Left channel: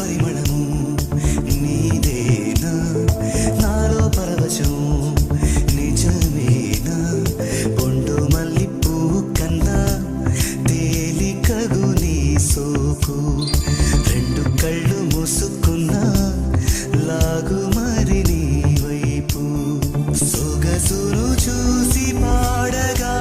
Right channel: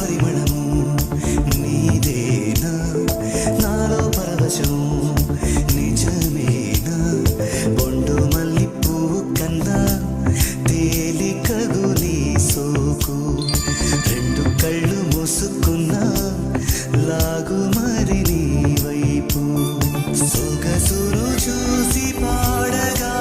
పరిమళము నీదేనా నాలో పరవశం నిజమేనా బొండు మల్లి పువ్వు కన్నా తేలికగు నీ సోకు రెండు కళ్ళు మూసుకున్నా లాగు మరి నీ వైపు సొగసును చూసి పాడగా